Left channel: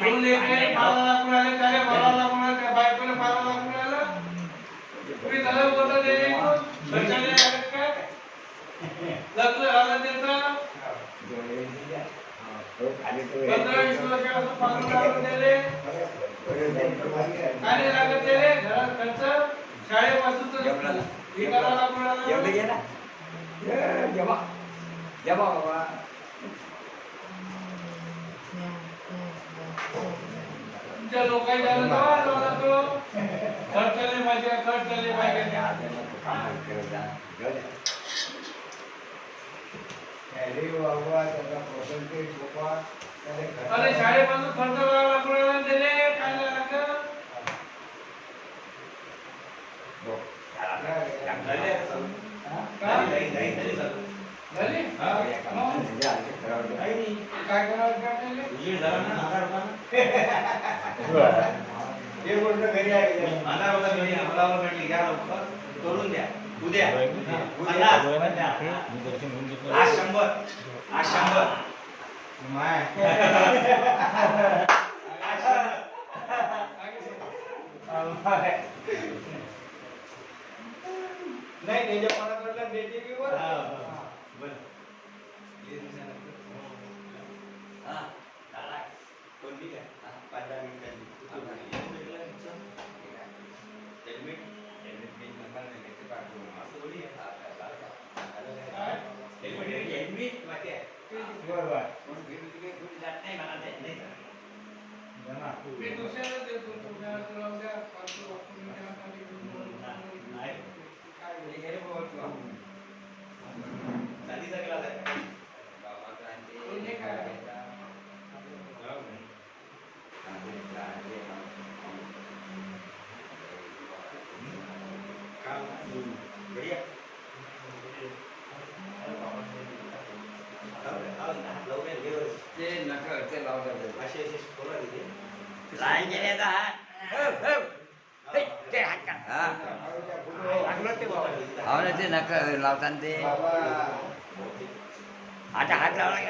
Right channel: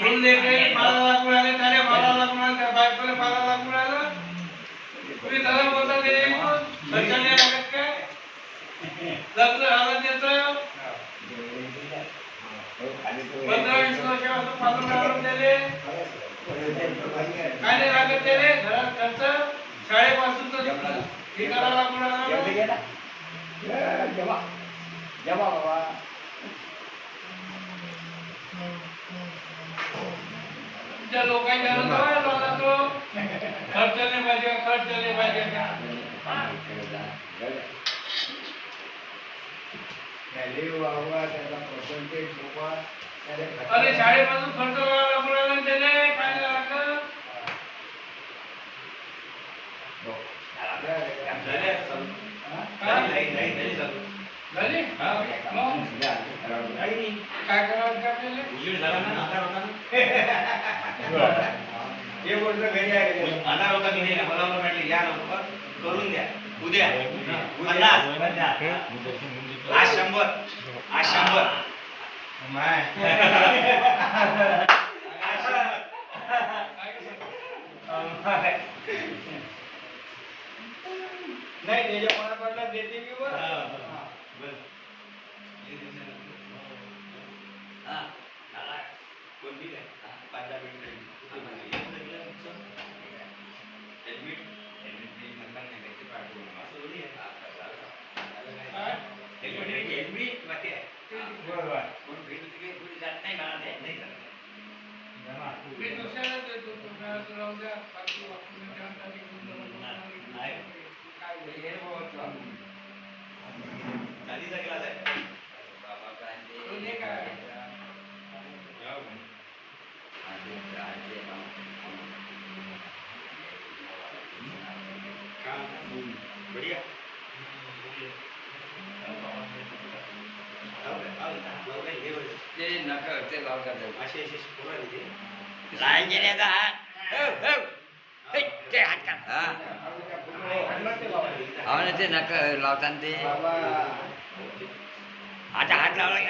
दोन लेकरे 5,00,000 मिळाले, त्याला 12,00,000 मिळाले, त्या बायकोला 12,00,000 मिळालं. तुम्ही त्याला बोलता ते खर्चाने लागत काय? लग्न झालं त्याचं 15-20 वर्षापासून 15,000 दिले. काय नाही लागत त्याने घरात खर्च, शाळेपासून तर हे करायला मिळालं. तुमच्या लोकांच्या झाला तो खर्च नाही पाहिजे, खर्च नाही पाहिजे. अरे शाळेपासून खर्च मिळाला त्याने काय लागलं. काय करावं उजेड झाला ना, अंधार होता हे गोष्ट घरी आहे, अंधार होता घरी. मला म्हटले या लवकर करून द्या, उद्या 50, आज 100, आज 100 नाही त्याच्या पडापडला देते मी वर. कोणती काय 5-10 मिनिटांनी ते नका लावताना ते हात लावला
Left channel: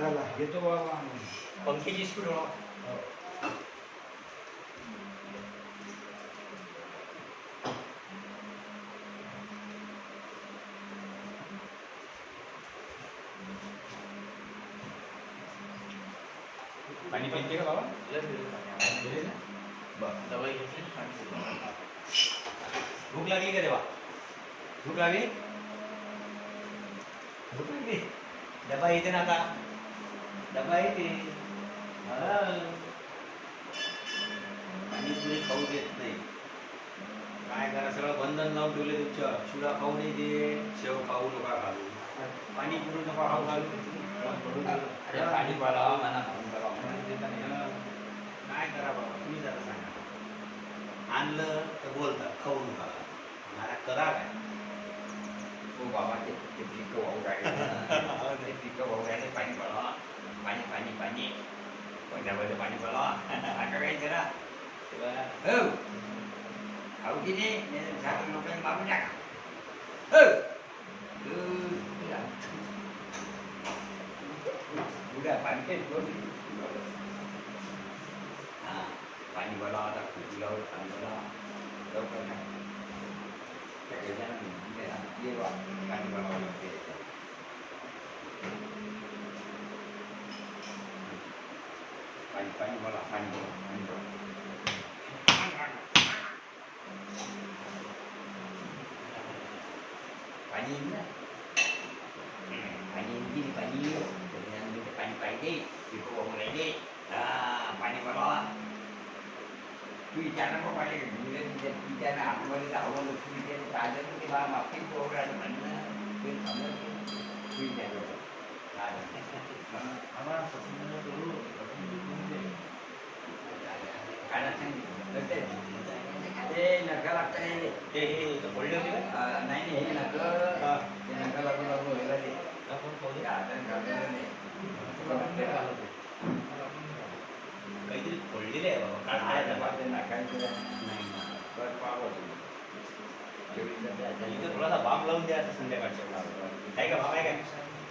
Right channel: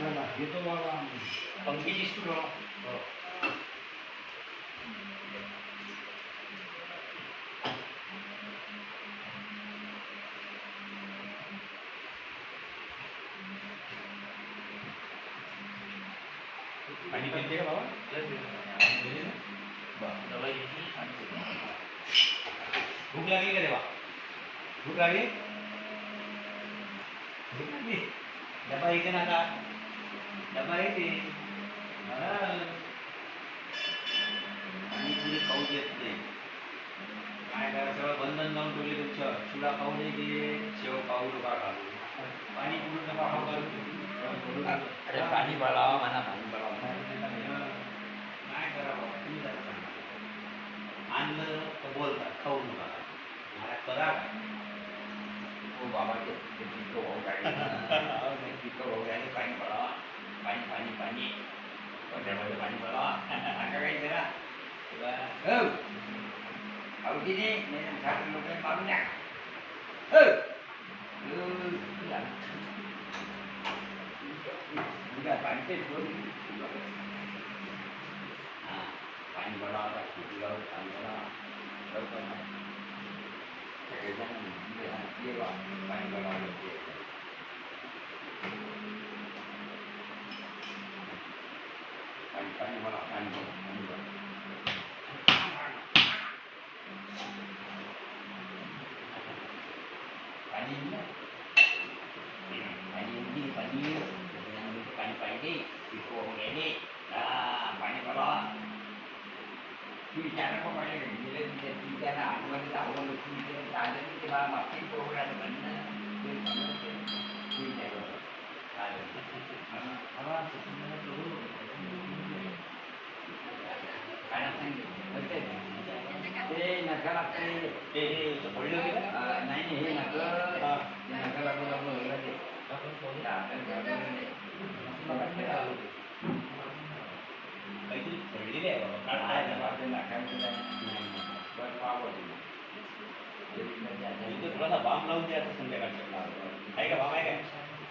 बाबा घेतो बाबा पंखीची स्पीड पाणी पिते का बाबा? भूक लागली का तेव्हा? भूक लागली? भूक लागली? डबा येते ना का? डबा येते. पाणी पुरी खाऊ देत नाही. काय करा, सगळं बंधन लावून ठेवले तुमच्या. शिळा खाऊ नाही दे, शेव खाऊ नका घालू, पाणी पुरी नका खाऊ घालू. अरे पाणी भरावा म्हणा, काय करा बाबा तुम्ही जरा सांगा. आणलं तर बोलतात खाऊ नका, मला करा काय तो बाबा ते पिको भाऊ काय पिको भाऊ काय पाणी भरावा, पाणी पाणी पाणी कोणत्यामध्ये पाणी भरावा आता काही जरा आवडी नाही सारे लोकांनी मागून टाका. पाणी हां पाणी भरावा आता फुटल्यावर पाणी भरावा लवकर नाही पाणी भरावं लागते. पाणी मला पाणी पाहिजे पाणी मला विचार नको पाणी विचार आतमध्ये जावं ते मागची प्रोग्राम म्हणणं ते ते नका ते बोलले होते का नाही हे नका ते नका लागू लागू व्हायला ते काहीतरी पडलेले आहे बाबा काय इथे थोडासा बाम लावून द्यायचा संध्याकाळच्या आहे का बाम आहे काय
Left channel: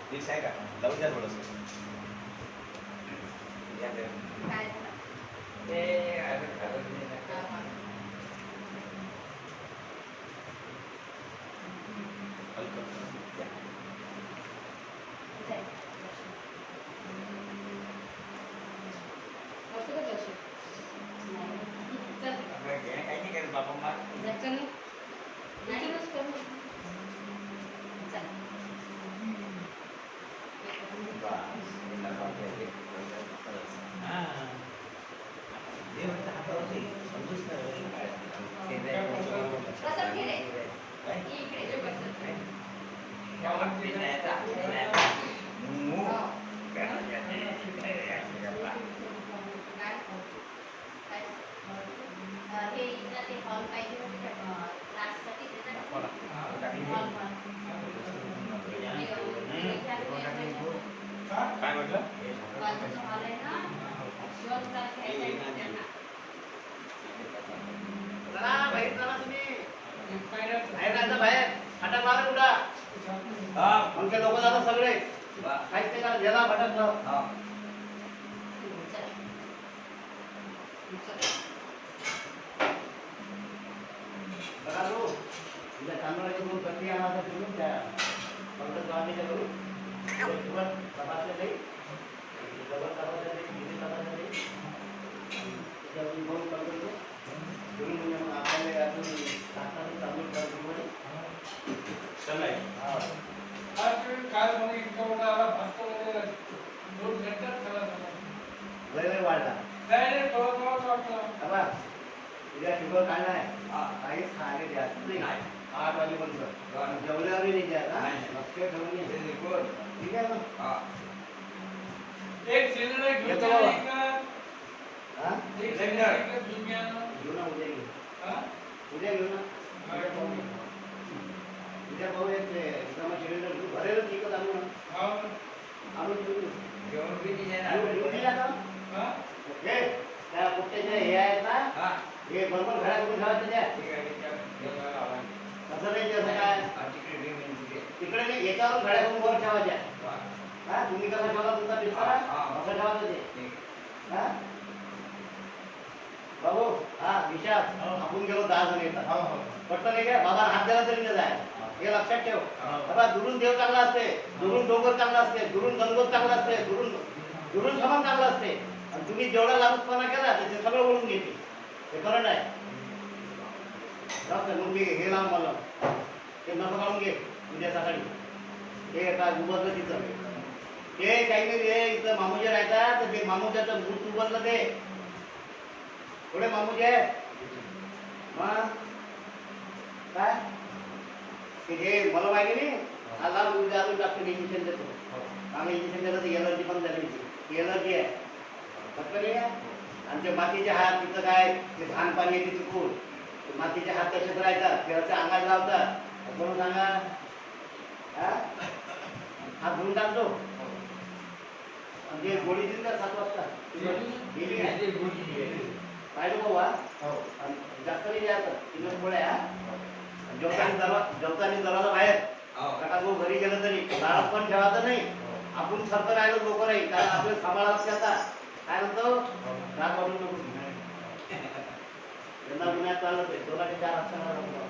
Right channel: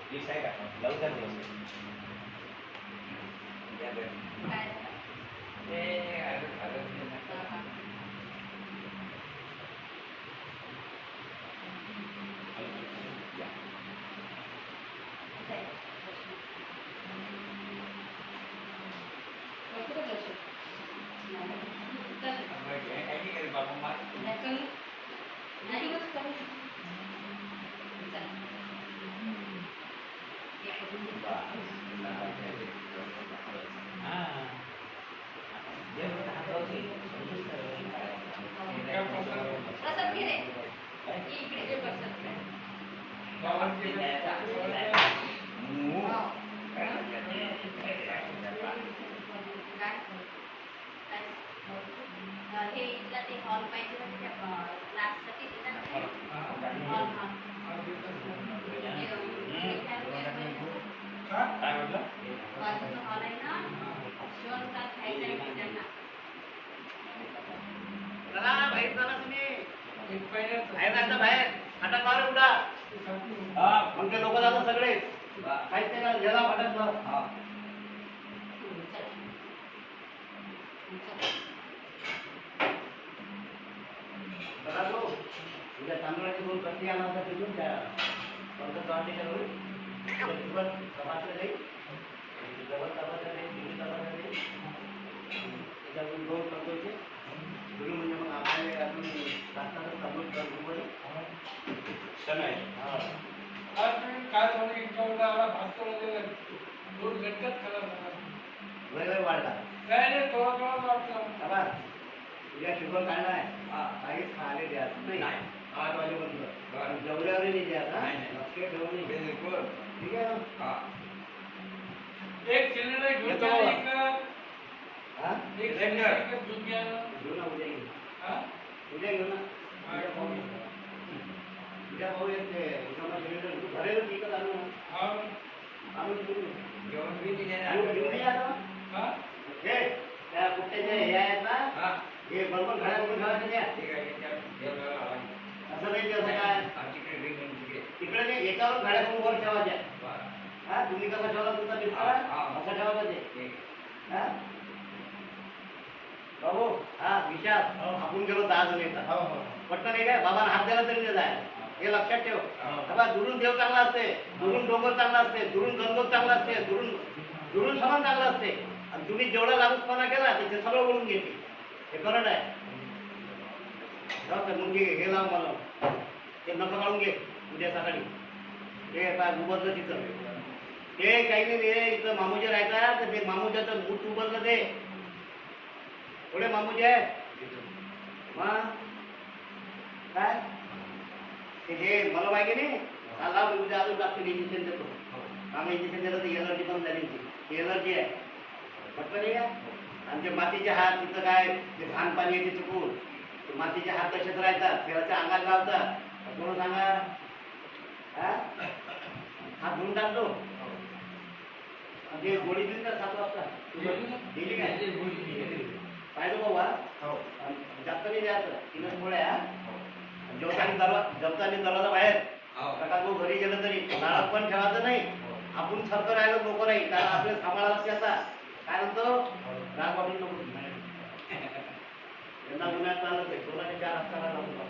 प्लीज आहे का लावून द्या थोडंसं काय म्हटलं बाहेर आता मार कुठा आमचे लोक जातात सगळे काहीच नाही का गेला भटक तांदूळाची दोन कटली आणायचा फिरून त्या तपासलं नाही जवळ तपासलं नाही दिल्ली तपासलं नाही त्याच्यातून दोन करतो फिरून म्हणजे मग आपल्याला अजून तात्काळ चालू करतो चला काय सांगू इतका आला भागतो दोन घंट्यात खरा वेळ वाढला काय नाही थोडा थोडाच वाटला उद्या शुगर काय नाही काहीच खाणे द्या नाही 8 वाजेपर्यंत जेवल्यावर नाही द्या लक्ष ठेवून ठीक आहे ना एक सिलेंडर घेऊन एक सिलेंडर घेऊन उद्या घेऊ उद्या घेऊ ना उद्या भाऊ येते सिलेंडर भरेल ठीक आहे आणून ओके त्या कुठ्याचे हे आहेत ना हे बरोबर घड्या करून ठेवायचं द्या असं नाही असं काय तिकडे नाही याच्यावर घड्या करून वर ठेवायच्या हा तुम्ही कसं ठेवला तुमचा बिस्तारा असं ठेवायचं ते हा बाबू हा विशाल आपण गेलो 10 जण येतात पटतं नाही काय बाबा हात द्यायला तरी जाय हे लक्षात ठेव बाबा दुरून देव चांगला असते दुरून डोंगर चांगला असते दुरून गंगोत चांगला असते दुरून समान चांगला असते आणि तुम्ही जेवढा लालूचपणा केला ते सगळं ओळून घेते हे खरं नाही मग हे लाव मला ते नका काढून घे उद्या सकाळी हे काय उबरलं तिथं ते काही नाही रे इथं मामूजी राहतात तर ते मामूच्याचं मूठ उबरलं ते थोडे मामूजी आहे मग काय ते मला माहिती नाही हा लाव उद्या अजून जास्त इंजेक्शन देतो मला इंजेक्शन दिलं तर एलर्जी पण झाली एलर्जी आहे फक्त नाही आणि ते मातीचे हात तिथं काय ते घाण पाणी येते चुकून मातीचे हात तसेच राहतात ते असं अंगात लावतात म्हणून सांगा हात धुवून टाकतो आणि ते गोळी दिली का 7 वाजता दिली काय पाहिजे बाबा जास्त नाही द्यायचं 3 गोळ्या जेवतानी दरवाजा बाहेर नका तो घरी गेलं तरी दारात पण ठेवायचं नाही आपण फरक राहिलो लोक नाही कारण आपल्याला सांभाळा लागते आता काय म्हणतो राग वाढून नको त्यांना गुन्ह्यात चालत आहे 2 ते 4 असताना बघतो